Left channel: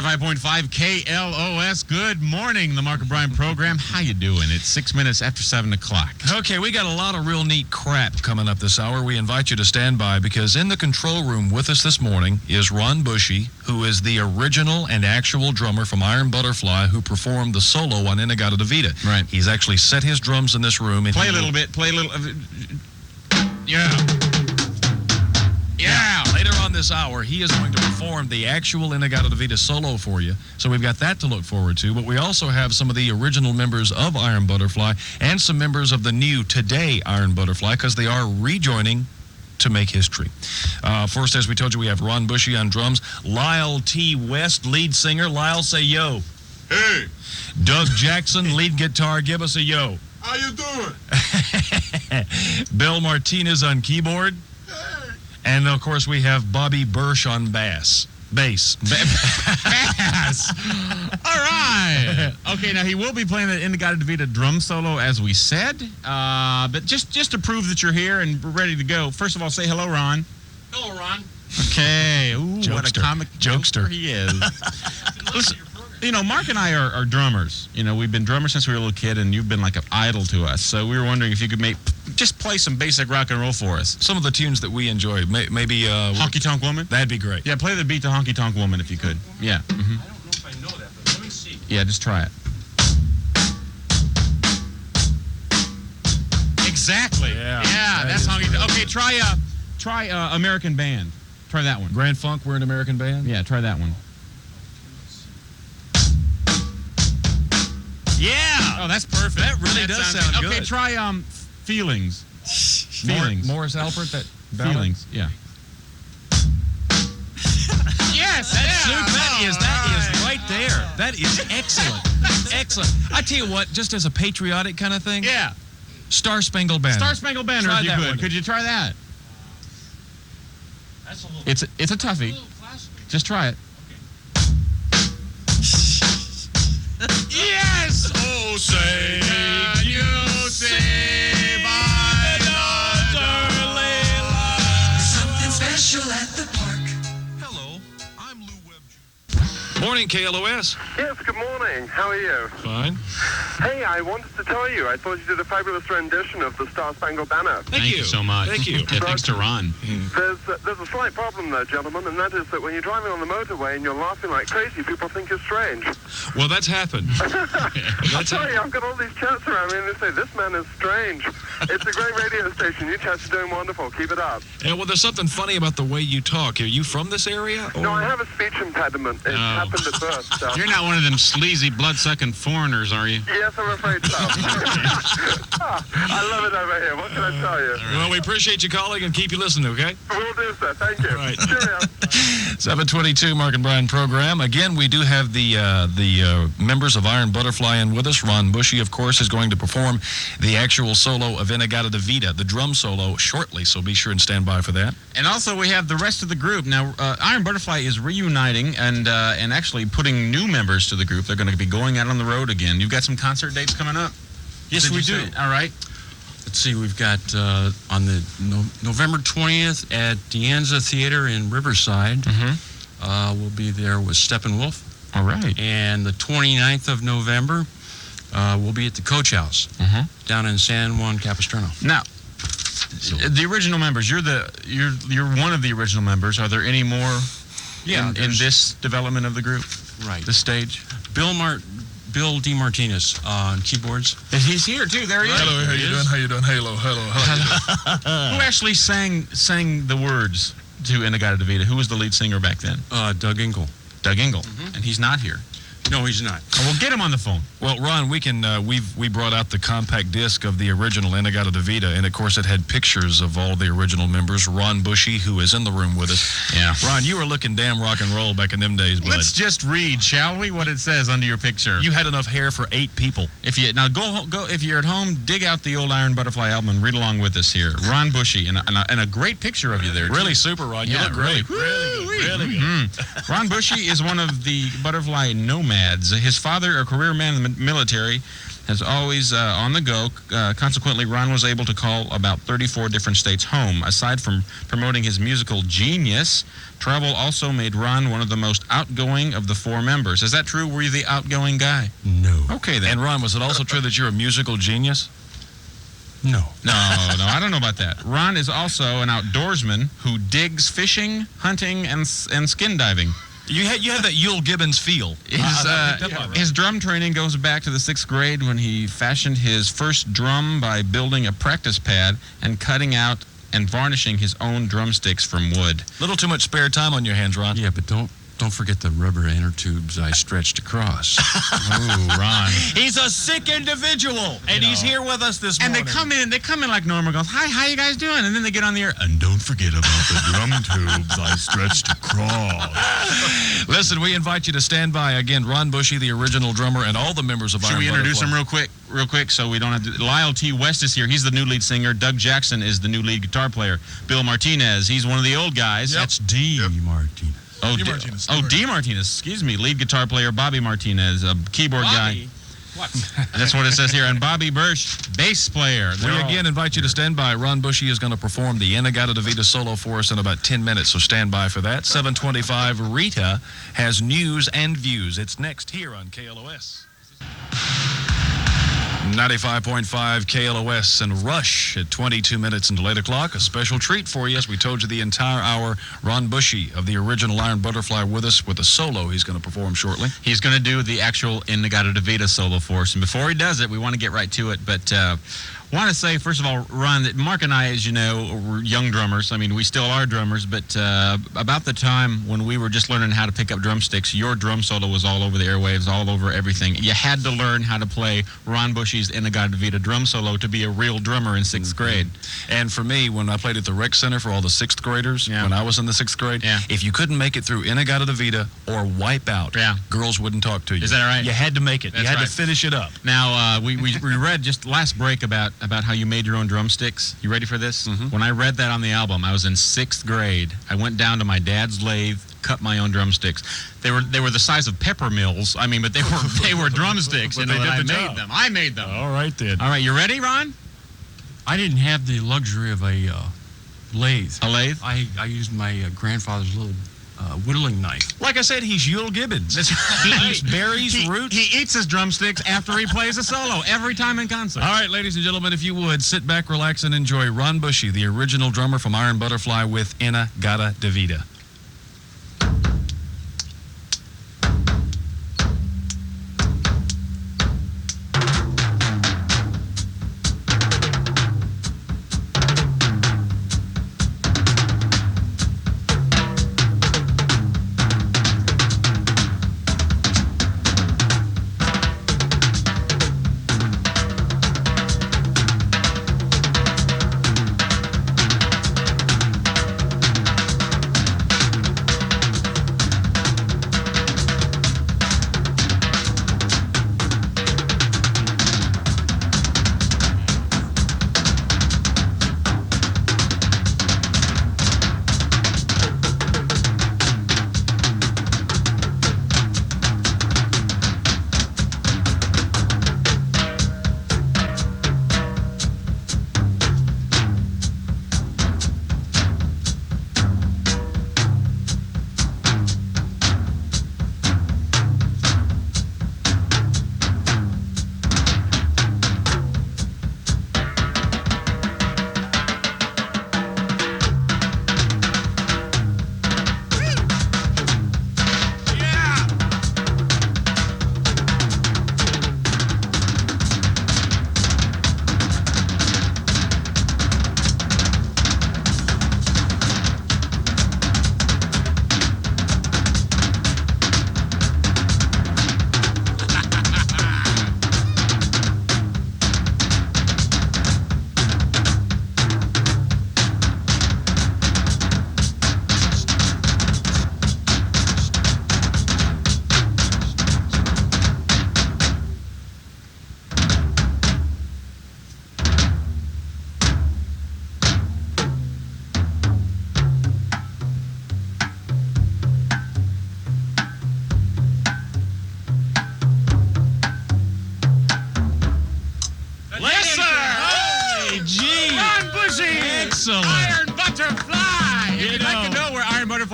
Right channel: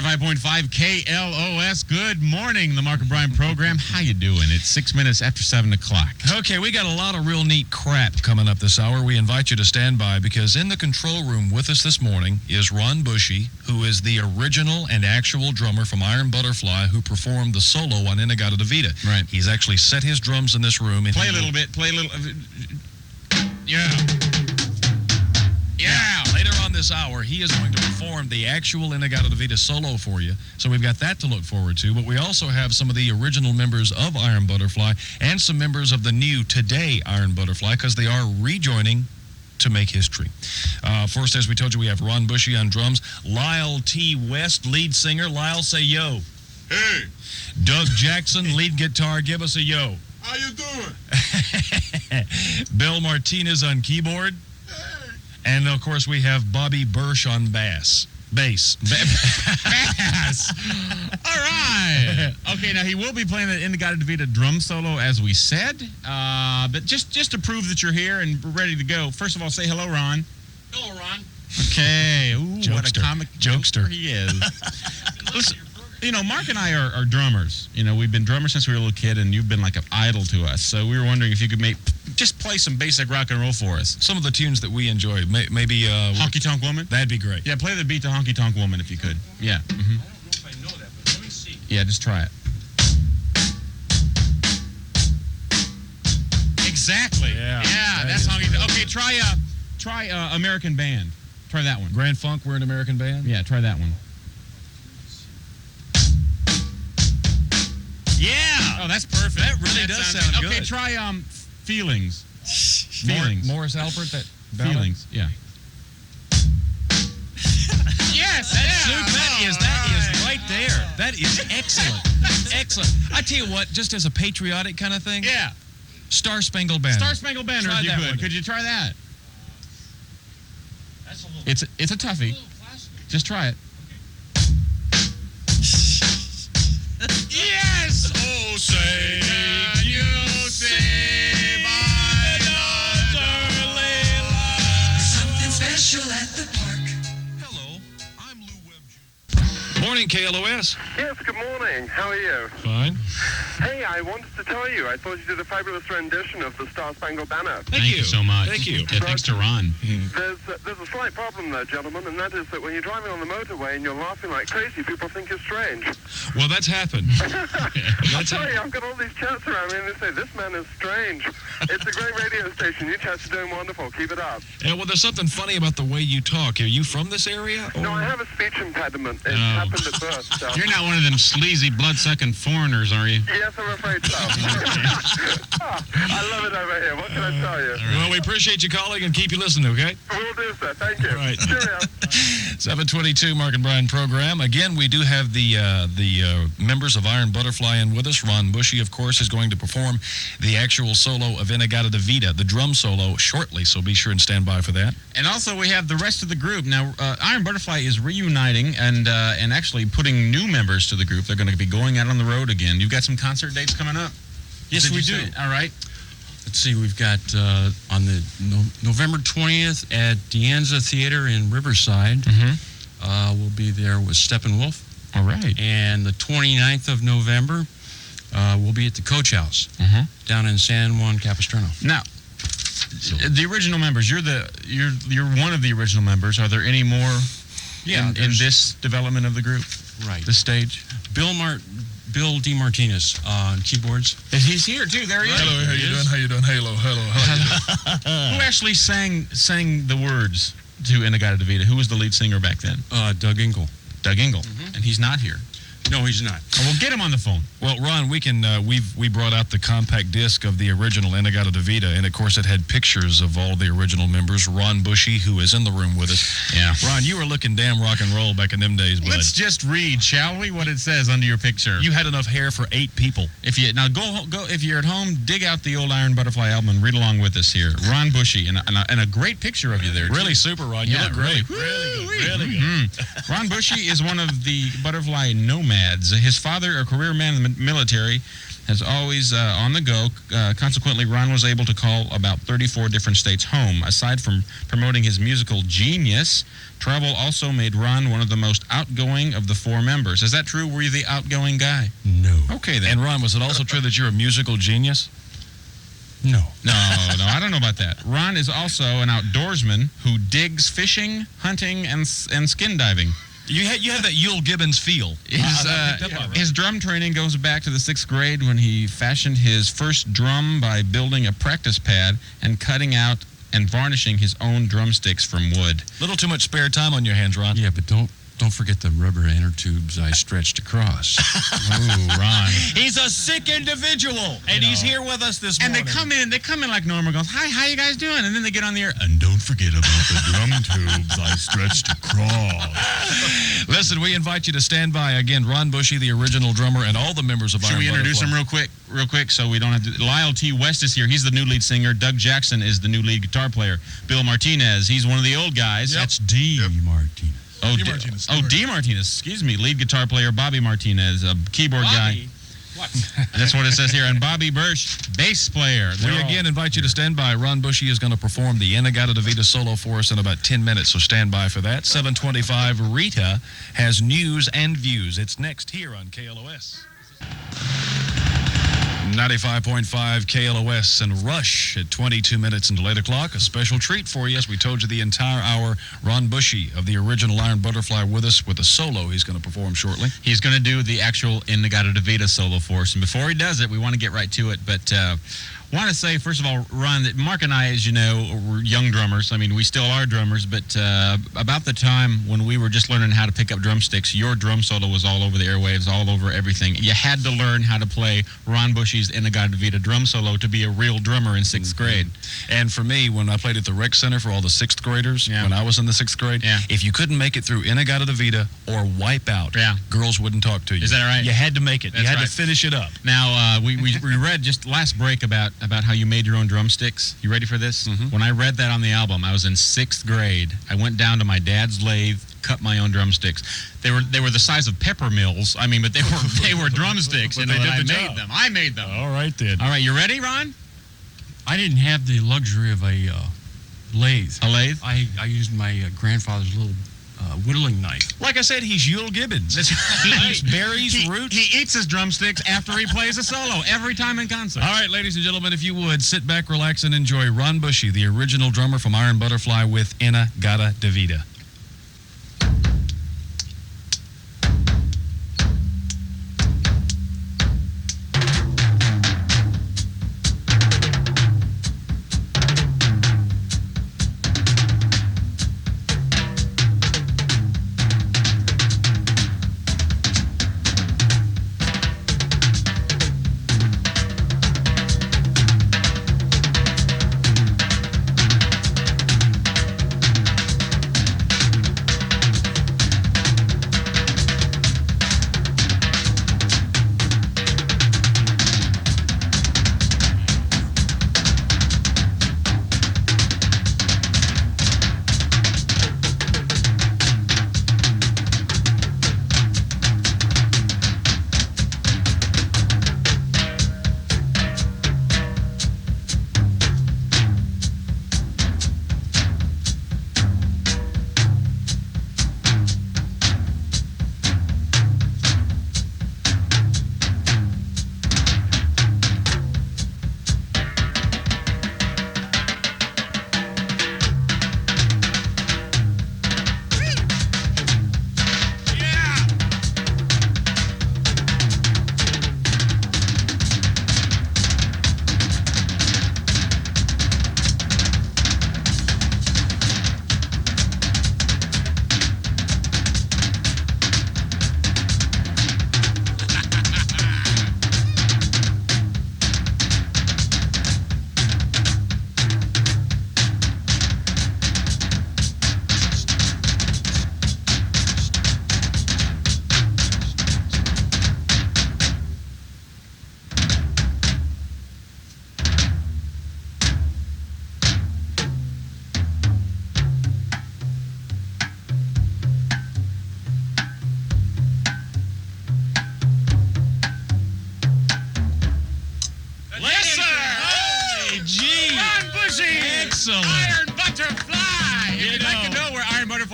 95.5 KLOS. Good morning, the Mark O'Brien program. How you doing? It's 6 minutes after 7 o'clock. Okay, we got a lot of real neat crap coming up this hour. We invite you to stand by because in the control room with us this morning is Ron Bushy, who is the original and actual drummer from Iron Butterfly who performed the solo on Inagata Davida. Right. He's actually set his drums in this room. And Play a little bit. Play a little. Yeah. Later on this hour, he is going to perform the actual Inagata Davida solo for you. So we've got that to look forward to. But we also have some of the original members of Iron Butterfly and some members of the new Today Iron Butterfly because they are rejoining to make history. First, as we told you, we have Ron Bushy on drums, Lyle T. West, lead singer. Lyle, say yo. Hey. Doug Jackson, lead guitar. Give us a yo. How you doing? Bill Martinez on keyboard. And, of course, we have Bobby Bursch on bass. Bass. Bass. All right. Okay, now he will be playing the Inagata Davida drum solo, as we said. But just to prove that you're here and we're ready to go, first of all, say hello, Ron. Hello, Ron. Okay. Ooh, what a comic jokester he is. Listen, you know, Mark and I are drummers. You know, we've been drummers since we were a little kid, and you've been like an idol to us. So we were wondering if you could just play some basic rock and roll for us. Some of the tunes that we enjoy. Maybe... Honky Tonk Woman? That'd be great. Yeah, play the beat to Honky Tonk Woman if you could. Yeah. Mm-hmm. I don't know if I know that, but let me see. Yeah, just try it. Exactly. Yeah, that's Honky Tonk. Okay, try American Band. Try that one. Grand Funk, we're an American band? Yeah, try that one. Yeah. Oh, that's perfect. That really does sound good. Okay, try Feelings. Feelings. Morris Alpert, that ballad? Feelings. Yeah. Yes. That is right there. That is excellent. Excellent. I tell you what, just as a patriotic kind of thing. Yeah. Star Spangled Banner. Star Spangled Banner, Try if you that could. one. Could you try that? That's a little. It's a toughie. A little classical. Just try it. Okay. Yes! Oh, say, can you see my motherly love? Something special at the park. Hello, I'm Lou Webb Jr. Morning, KLOS. Yes, good morning. How are you? Fine. Hey, I wanted to tell you, I thought you did a fabulous rendition of the Star Spangled Banner. Thank you so much. Thank you. Yeah, thanks to Ron. There's a slight problem though, gentlemen, and that is that when you're driving on the motorway and you're laughing like crazy, people think you're strange. Well, that's happened. I tell you, I've got all these chats around me and they say, this man is strange. It's a great radio station. You chats are doing wonderful. Keep it up. Yeah, well, there's something funny about the way you talk. Are you from this area? No, I have a speech impediment. It happened at birth. So. You're not one of them sleazy, blood-sucking foreigners, are you? Yes, I'm afraid so. I love it over here. What can I tell you? Well, we appreciate you calling and keep you listening, okay? We'll do, sir. Thank you. All right. Cheerio. 722 Mark and Brian program. Again, we do have the members of Iron Butterfly in with us. Ron Bushy, of course, is going to perform the actual solo of Inagata Davida, the drum solo, shortly, so be sure and stand by for that. And also, we have the rest of the group. Now, Iron Butterfly is reuniting and actually putting new members to the group. They're going to be going out on the road again. You've got some concert dates coming up? Yes, Did we you do. say? All right. Let's see, we've got on the November 20th at Deanza Theater in Riverside. We'll be there with Steppenwolf. All right. And the 29th of November, we'll be at the Coach House down in San Juan Capistrano. Now, the original members, you're one of the original members. Are there any more in this development of the group? Right. This stage? Bill DeMartinez on keyboards. He's here, too. There he is. Hello, how you doing? How you doing? Hello. Who actually sang the words to Inagata Davida? Who was the lead singer back then? Doug Engel. Doug Engel. And he's not here. No, he's not. Oh, we'll get him on the phone. Well, Ron, we can we brought out the compact disc of the original Inagata Davida, and of course it had pictures of all the original members. Ron Bushy, who is in the room with us. Yeah. Ron, you were looking damn rock and roll back in them days, bud. Let's just read, shall we, what it says under your picture. You had enough hair for 8 people. If you now go if you're at home, dig out the old Iron Butterfly album and read along with us here. Ron Bushy and a great picture of you there. Really super, Ron. You look great. Really Really good. Ron Bushy is one of the butterfly nomads. His father, a career man in the military, has always on the go. Consequently, Ron was able to call about 34 different states home. Aside from promoting his musical genius, travel also made Ron one of the most outgoing of the four members. Is that true? Were you the outgoing guy? No. Okay, then. And Ron, was it also true that you're a musical genius? No. No, I don't know about that. Ron is also an outdoorsman who digs fishing, hunting, and skin diving. You had that Yule Gibbons feel. His drum training goes back to the 6th grade when he fashioned his first drum by building a practice pad and cutting out and varnishing his own drumsticks from wood. Little too much spare time on your hands, Ron. Yeah, but don't forget the rubber inner tubes I stretched across. Ooh, Ron. He's a sick individual, and he's here with us this And morning. they come in like normal, goes, "Hi, how you guys doing?" And then they get on the air, and don't forget about the drum tubes I stretched across. Listen, we invite you to stand by. Again, Ron Bushy, the original drummer, and all the members of Should Iron we introduce Butterfly. him real quick, so we don't have to... Lyle T. West is here. He's the new lead singer. Doug Jackson is the new lead guitar player. Bill Martinez, he's one of the old guys. That's D. Martinez. Oh, D. Martinez. D. Martinez, excuse me. Lead guitar player Bobby Martinez, a keyboard guy. What? That's what it says here. And Bobby Birch, bass player. We again invite you to stand by. Ron Bushy is going to perform the Inagata-Davida solo for us in about 10 minutes, so stand by for that. 7:25, Rita has news and views. It's next here on KLOS. 95.5 KLOS and Rush at 22 minutes until 8 o'clock. A special treat for you. As we told you the entire hour, Ron Bushy of the original Iron Butterfly with us with a solo he's going to perform shortly. He's going to do the actual Inagata-Davida solo for us. And before he does it, we want to get right to it. But want to say, first of all, Ron, that Mark and I, as you know, were young drummers. I mean, we still are drummers, but about the time when we were just learning how to pick up drumsticks, your drum solo was all over the airwaves, all over everything. You had to learn how to play Ron Bushy's Inagata-Davida drum solo to be a real drummer in 6th grade. And for me, when I played at the rec center for all the 6th graders, Yeah. when I was in the 6th grade, Yeah. if you couldn't make it through Inagata-Davida or Wipeout, Yeah. girls wouldn't talk to you. Is that right? You had to make it. That's you had right. to finish it up. Now, we read just last break about how you made your own drumsticks. You ready for this? Mm-hmm. When I read that on the album, I was in 6th grade. I went down to my dad's lathe, cut my own drumsticks. They were the size of pepper mills. I mean, but they were drumsticks. But you know, they did that the I job. made them. I made them. All right, then. All right, you ready, Ron? I didn't have the luxury of a lathe. A lathe? I used my grandfather's little whittling knife. Like I said, he's Yule Gibbons. He eats berries, roots. He eats his drumsticks after he plays a solo every time in concert. All right, ladies and gentlemen, if you would, sit back, relax, and enjoy Ron Bushy, the original drummer from Iron Butterfly with Inagata-Davida.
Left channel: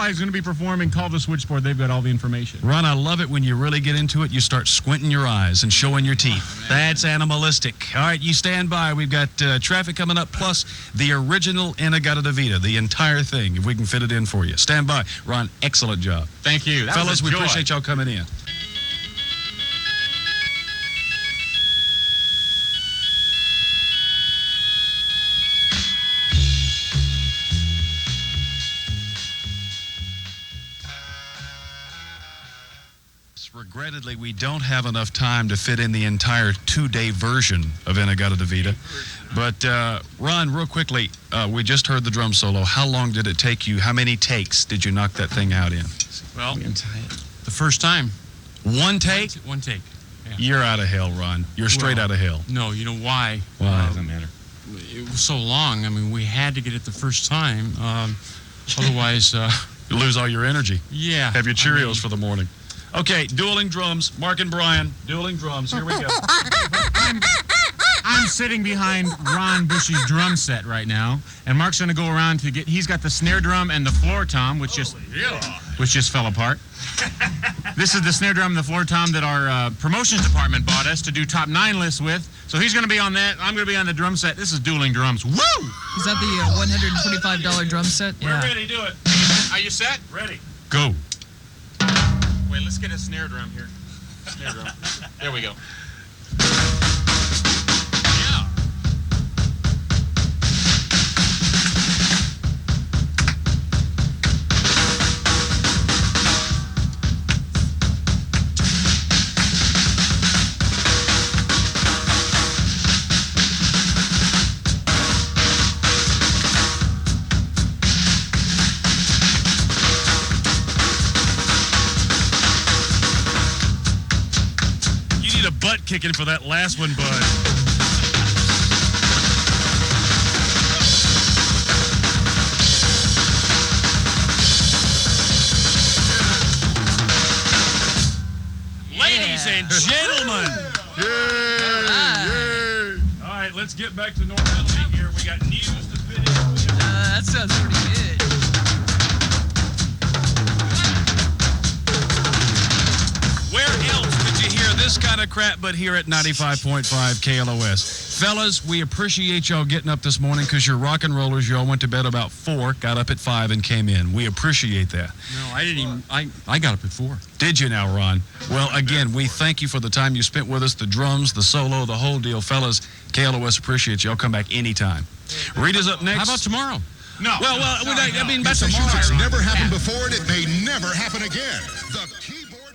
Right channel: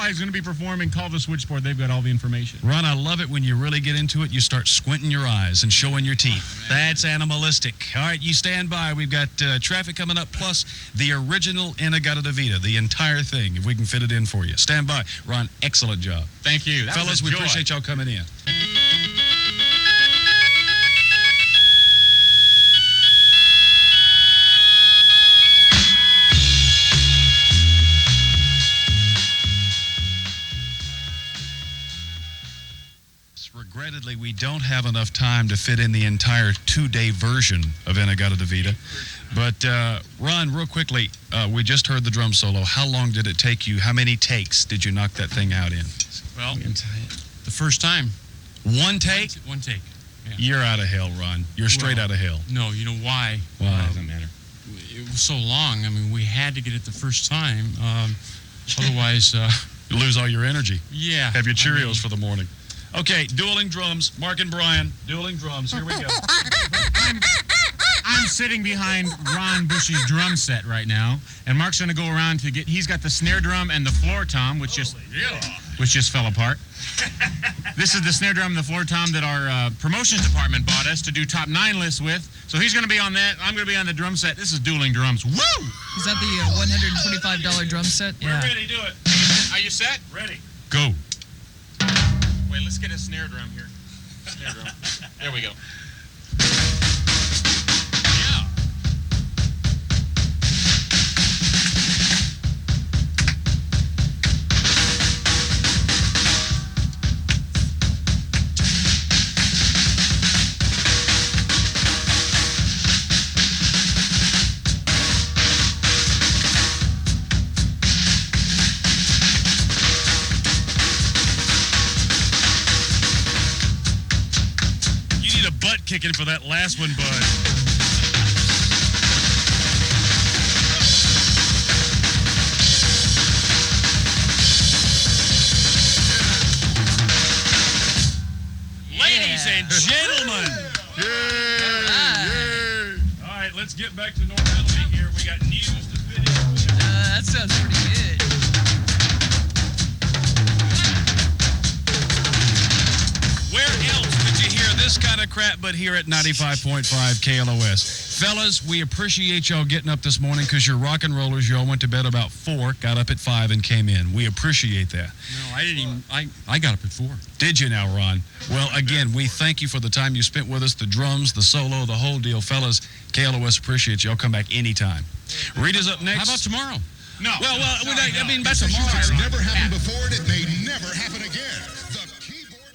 Butterfly is going to be performing. Call the switchboard. They've got all the information. Ron, I love it when you really get into it. You start squinting your eyes and showing your teeth. That's animalistic. All right, you stand by. We've got traffic coming up, plus the original Inagata de Vita, the entire thing, if we can fit it in for you. Stand by. Ron, excellent job. Thank you. Fellas, we appreciate y'all coming in. Regrettably, we don't have enough time to fit in the entire 2-day version of Inagata de Vita. But, Ron, real quickly, we just heard the drum solo. How long did it take you? How many takes did you knock that thing out in? Well, the first time. One take? One take. Yeah. You're out of hell, Ron. You're straight out of hell. No, you know why? Why? Doesn't matter. It was so long. I mean, we had to get it the first time. Otherwise, You lose all your energy. yeah. Have your Cheerios for the morning. Okay, dueling drums. Mark and Brian, dueling drums. Here we go. I'm sitting behind Ron Bushy's drum set right now, and Mark's going to go around to get. He's got the snare drum and the floor tom, which just fell apart. This is the snare drum and the floor tom that our promotions department bought us to do top 9 lists with. So he's going to be on that. I'm going to be on the drum set. This is dueling drums. Woo! Is that the $125 drum set? Yeah. We're ready. Do it. Are you set? Ready. Go. Wait, let's get a snare drum here. Snare drum. There we go. Yeah. Butt kicking for that last one, bud. Ladies and gentlemen. Yay. All right, let's get back to normality here. We got news to fit in. That sounds pretty good. Where else did you hear this kind of crap but here at 95.5 KLOS? Fellas, we appreciate y'all getting up this morning because you're rock and rollers. Y'all went to bed about 4, got up at 5, and came in. We appreciate that. No, I didn't even. I got up at 4. Did you now, Ron? Well, again, we thank you for the time you spent with us, the drums, the solo, the whole deal. Fellas, KLOS appreciates y'all. Come back anytime. Rita's up next. How about tomorrow? No. Well, I mean, by tomorrow. It's never happened before, and it may never happen again. The keyboard.